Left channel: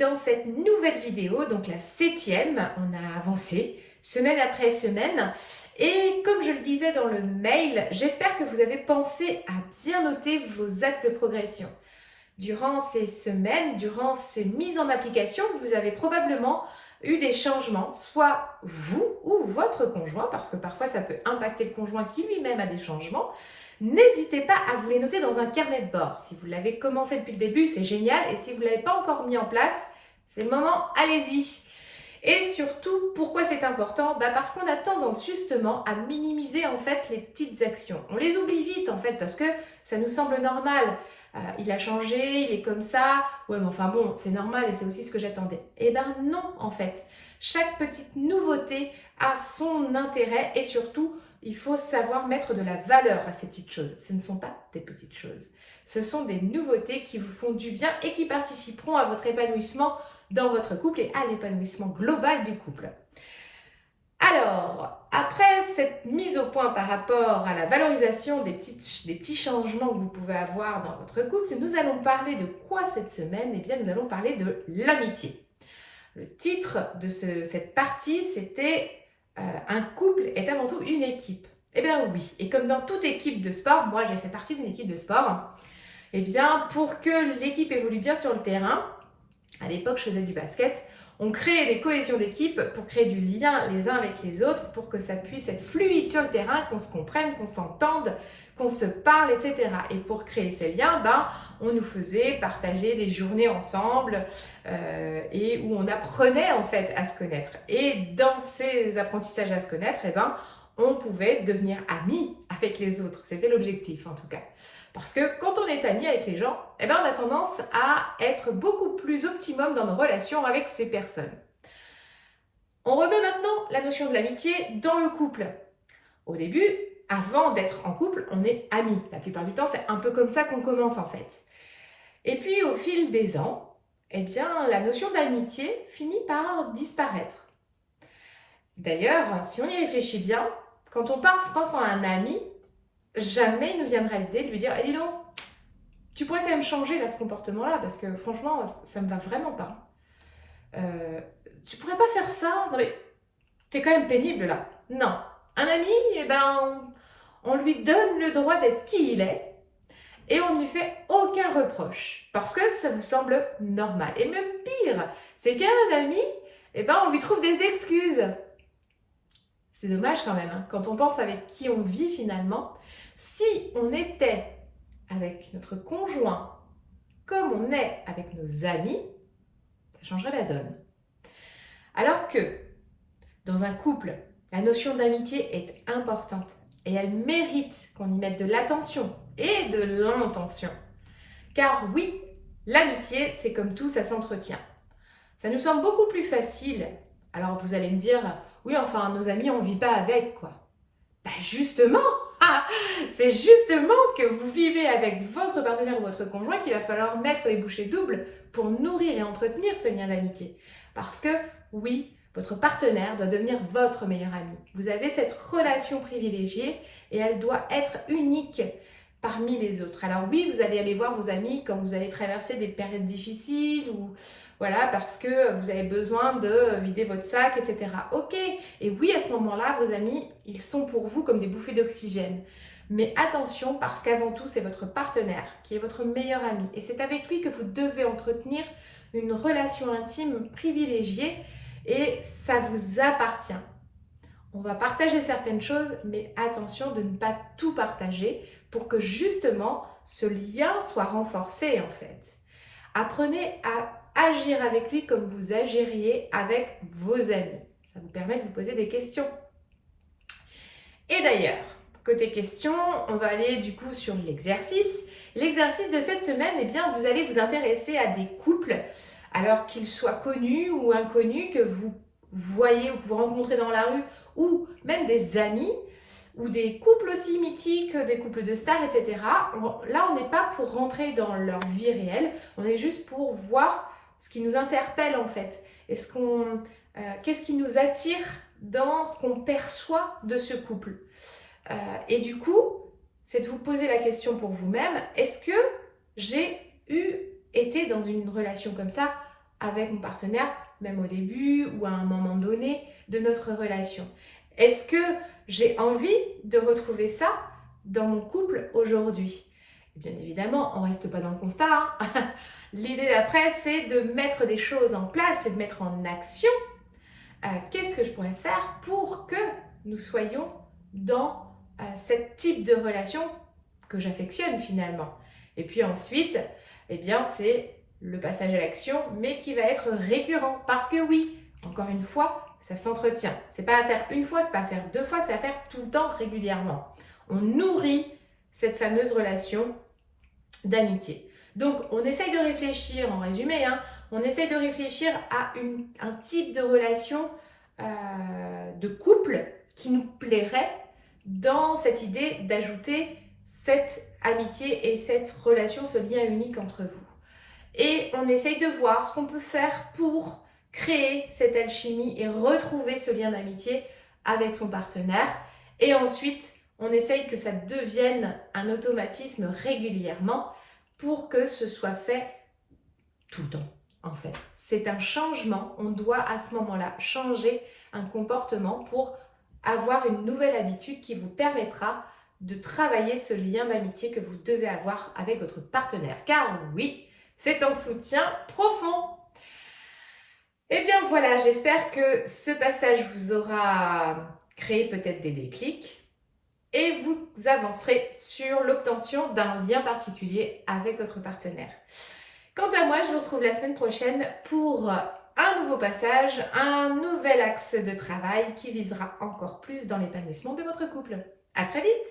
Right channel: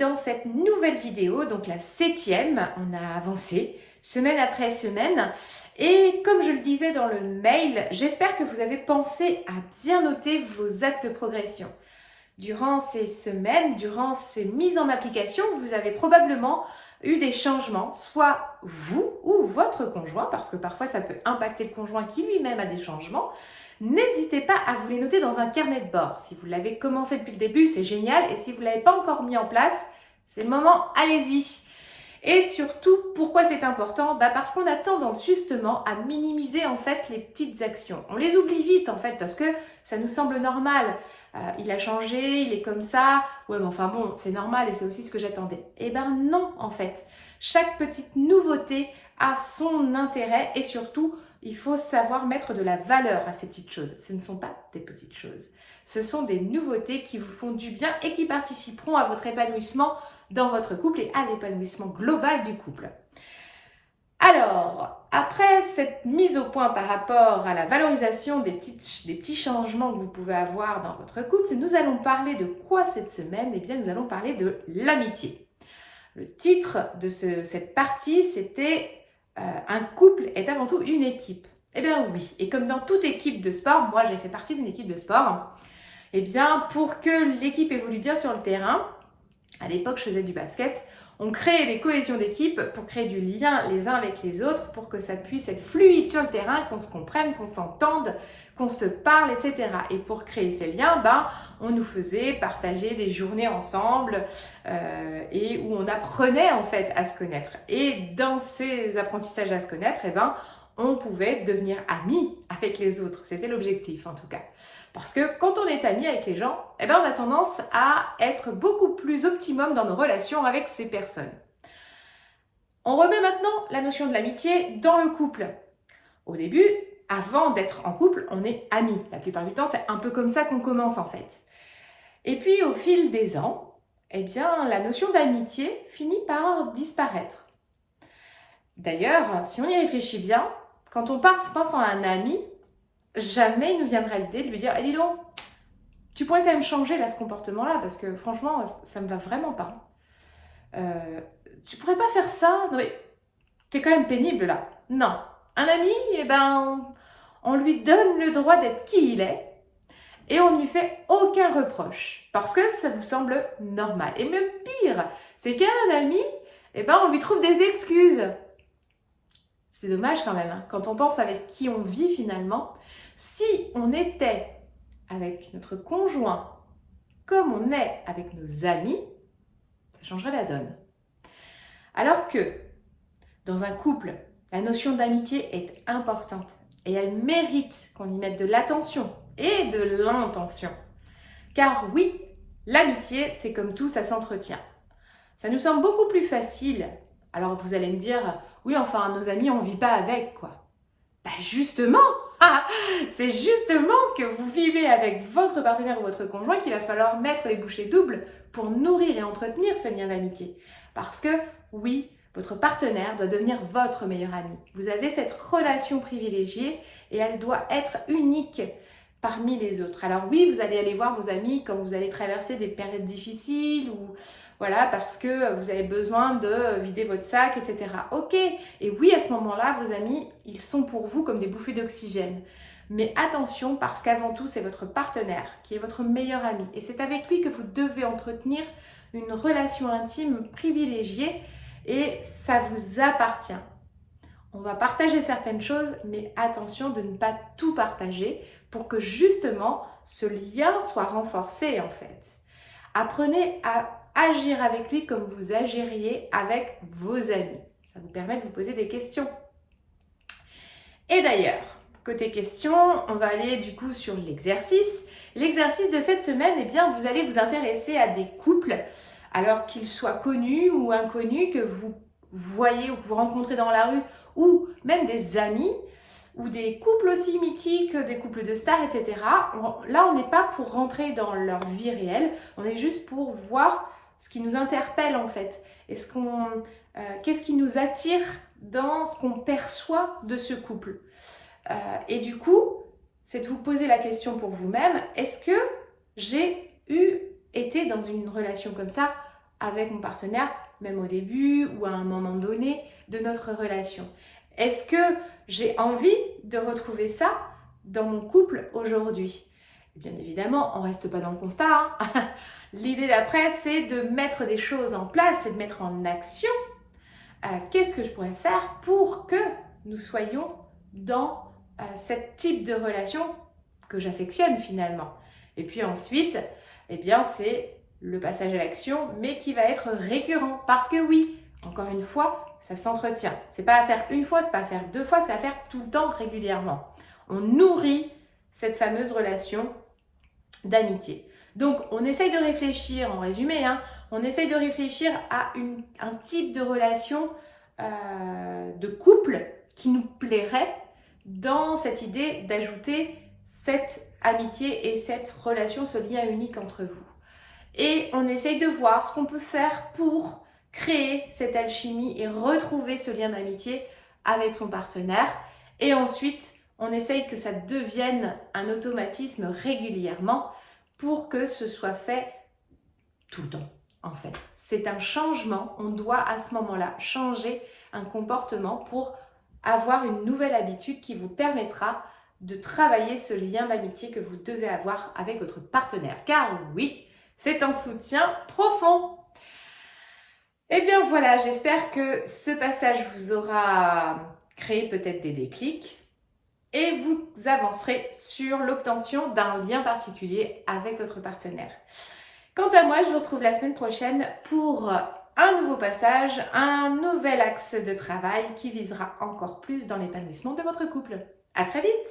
dans cette nouvelle vidéo, donc la 7e, on a avancé semaine après semaine. Et comme je le disais dans le mail, j'espère que vous avez pensé à bien noter vos axes de progression. Durant ces semaines, durant ces mises en application, vous avez probablement eu des changements, soit vous ou votre conjoint, parce que parfois ça peut impacter le conjoint qui lui-même a des changements. N'hésitez pas à vous les noter dans un carnet de bord. Si vous l'avez commencé depuis le début, c'est génial. Et si vous ne l'avez pas encore mis en place, c'est le moment, allez-y. Et surtout, pourquoi c'est important ? Parce qu'on a tendance justement à minimiser en fait les petites actions. On les oublie vite en fait parce que ça nous semble normal. Il a changé, il est comme ça. Ouais, mais enfin bon, c'est normal et c'est aussi ce que j'attendais. Eh ben non en fait. Chaque petite nouveauté a son intérêt et surtout, il faut savoir mettre de la valeur à ces petites choses. Ce ne sont pas des petites choses. Ce sont des nouveautés qui vous font du bien et qui participeront à votre épanouissement dans votre couple et à l'épanouissement global du couple. Alors, après cette mise au point par rapport à la valorisation des petits changements que vous pouvez avoir dans votre couple, nous allons parler de quoi cette semaine ? Eh bien, nous allons parler de l'amitié. Le titre de cette partie, c'était un couple est avant tout une équipe. Eh bien oui, et comme dans toute équipe de sport, moi j'ai fait partie d'une équipe de sport, eh bien pour que l'équipe évolue bien sur le terrain, à l'époque je faisais du basket, on créait des cohésions d'équipe pour créer du lien les uns avec les autres, pour que ça puisse être fluide sur le terrain, qu'on se comprenne, qu'on s'entende, qu'on se parle, etc. Et pour créer ces liens, on nous faisait partager des journées ensemble et où on apprenait en fait à se connaître. Et dans ces apprentissages à se connaître, on pouvait devenir amis avec les autres. C'était l'objectif en tout cas. Parce que quand on est ami avec les gens, on a tendance à être beaucoup plus optimum dans nos relations avec ces personnes. On remet maintenant la notion de l'amitié dans le couple. Au début, avant d'être en couple, on est amis. La plupart du temps, c'est un peu comme ça qu'on commence en fait. Et puis au fil des ans, la notion d'amitié finit par disparaître. D'ailleurs, si on y réfléchit bien, quand on pense à un ami, jamais il nous viendra l'idée de lui dire « Lilo, tu pourrais quand même changer là ce comportement-là parce que franchement, ça me va vraiment pas. Tu pourrais pas faire ça? Non mais, t'es quand même pénible là. » Non. Un ami, on lui donne le droit d'être qui il est et on ne lui fait aucun reproche parce que ça vous semble normal. Et même pire, c'est qu'un ami, on lui trouve des excuses. C'est dommage quand même, hein, quand on pense avec qui on vit finalement. Si on était avec notre conjoint comme on est avec nos amis, ça changerait la donne. Alors que dans un couple, la notion d'amitié est importante et elle mérite qu'on y mette de l'attention et de l'intention. Car oui, l'amitié, c'est comme tout, ça s'entretient. Ça nous semble beaucoup plus facile. Alors vous allez me dire, oui, enfin, nos amis, on ne vit pas avec, quoi. Justement, c'est justement que vous vivez avec votre partenaire ou votre conjoint qu'il va falloir mettre les bouchées doubles pour nourrir et entretenir ce lien d'amitié. Parce que oui, votre partenaire doit devenir votre meilleur ami. Vous avez cette relation privilégiée et elle doit être unique parmi les autres. Alors oui, vous allez aller voir vos amis quand vous allez traverser des périodes difficiles ou voilà, parce que vous avez besoin de vider votre sac, etc. Ok, et oui, à ce moment-là, vos amis, ils sont pour vous comme des bouffées d'oxygène. Mais attention, parce qu'avant tout, c'est votre partenaire qui est votre meilleur ami. Et c'est avec lui que vous devez entretenir une relation intime privilégiée et ça vous appartient. On va partager certaines choses, mais attention de ne pas tout partager pour que justement ce lien soit renforcé en fait. Apprenez à agir avec lui comme vous agiriez avec vos amis. Ça vous permet de vous poser des questions. Et d'ailleurs, côté questions, on va aller du coup sur l'exercice. L'exercice de cette semaine, vous allez vous intéresser à des couples, alors qu'ils soient connus ou inconnus, que vous voyez ou que vous rencontrez dans la rue, ou même des amis, ou des couples aussi mythiques, des couples de stars, etc. Là, on n'est pas pour rentrer dans leur vie réelle, on est juste pour voir ce qui nous interpelle en fait. Qu'est-ce qui nous attire dans ce qu'on perçoit de ce couple. Et du coup, c'est de vous poser la question pour vous-même, est-ce que j'ai été dans une relation comme ça avec mon partenaire, même au début ou à un moment donné de notre relation? Est-ce que j'ai envie de retrouver ça dans mon couple aujourd'hui? Bien évidemment, on ne reste pas dans le constat, hein. L'idée d'après, c'est de mettre des choses en place et de mettre en action. Qu'est-ce que je pourrais faire pour que nous soyons dans ce type de relation que j'affectionne finalement? Et puis ensuite, eh bien, c'est le passage à l'action, mais qui va être récurrent. Parce que oui, encore une fois, ça s'entretient. C'est pas à faire une fois, c'est pas à faire deux fois, c'est à faire tout le temps, régulièrement. On nourrit cette fameuse relation d'amitié. Donc, on essaye de réfléchir, en résumé, hein, on essaye de réfléchir à un type de relation de couple qui nous plairait dans cette idée d'ajouter cette amitié et cette relation, ce lien unique entre vous. Et on essaye de voir ce qu'on peut faire pour créer cette alchimie et retrouver ce lien d'amitié avec son partenaire. Et ensuite, on essaye que ça devienne un automatisme régulièrement pour que ce soit fait tout le temps, en fait. C'est un changement, on doit à ce moment-là changer un comportement pour avoir une nouvelle habitude qui vous permettra de travailler ce lien d'amitié que vous devez avoir avec votre partenaire. Car oui, c'est un soutien profond. Eh bien voilà, j'espère que ce passage vous aura créé peut-être des déclics et vous avancerez sur l'obtention d'un lien particulier avec votre partenaire. Quant à moi, je vous retrouve la semaine prochaine pour un nouveau passage, un nouvel axe de travail qui visera encore plus dans l'épanouissement de votre couple. À très vite!